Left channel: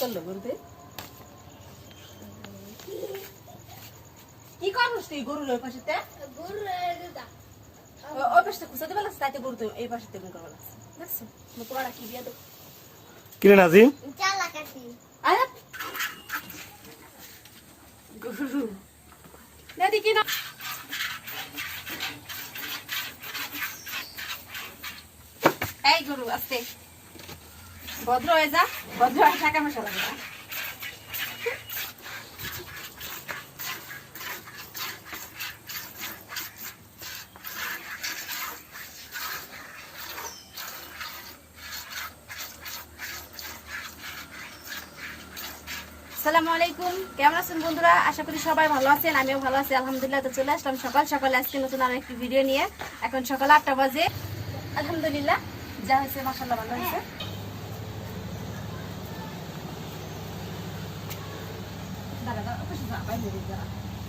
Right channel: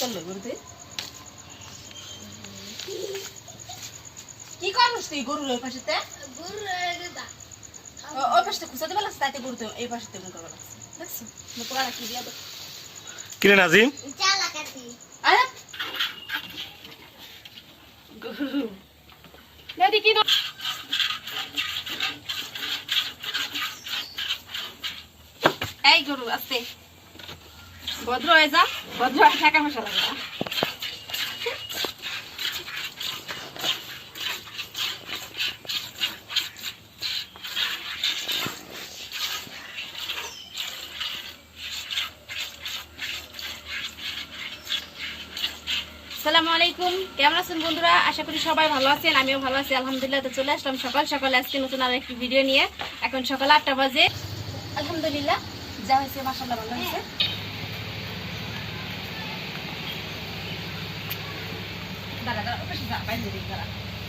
চললো গরুতে কি করছিস তুই গরুর ওই পাশেতে ওই পাশে খুঁচাতে পারলাস তাইতে গরুতে এই পাশেতে মুখে পারলাস দেখছো তোমার কি দিয়া দো কিরে নাজিম আরে গরু না দেখি না এই গরু আস্তে ভদ্র হয়ে যা ভদ্র হয়ে টাকা পয়সা লাগে না আসসালামু আলাইকুম কেমন আছেন বন্ধুরা আশা করি সবাই ভালো আছেন আমিও ভালো আছি আলহামদুলিল্লাহ তো চলে আসলাম সকাল সকাল আজকে নতুন আর একটি ভিডিও নিয়ে এখন সকাল 8টা বাজে আলহামদুলিল্লাহ যা হয়েছে মাশাআল্লাহ ভালো হয়েছে দাঁড়া দাঁড়া ওপাশে যা বাইরে দিকে দাঁড়া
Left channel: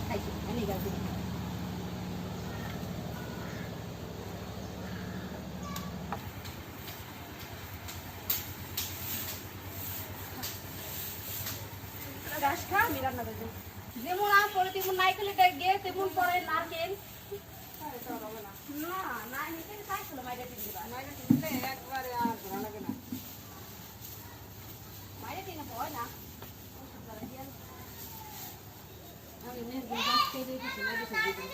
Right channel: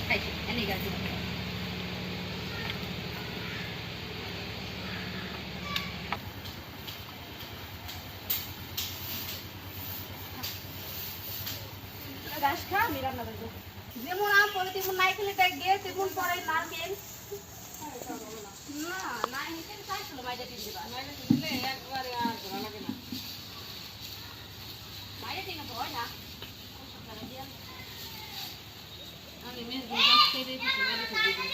খাইছি এনে গাছ দিবা গাছ খা আমি রান্না করবো যেমন আম পরে তেমন নাই খেলে গিয়ে তেমন পরে নারকেল না না নিতে চাইছিল বাইরে দিয়ে দিবা বাইরে দিলে একবারে আর ভালো লাগে না বাইরে দিলে হয় না আমি মেজ গুলো গাছ কেটে দিছি বাইরে দিয়ে দিই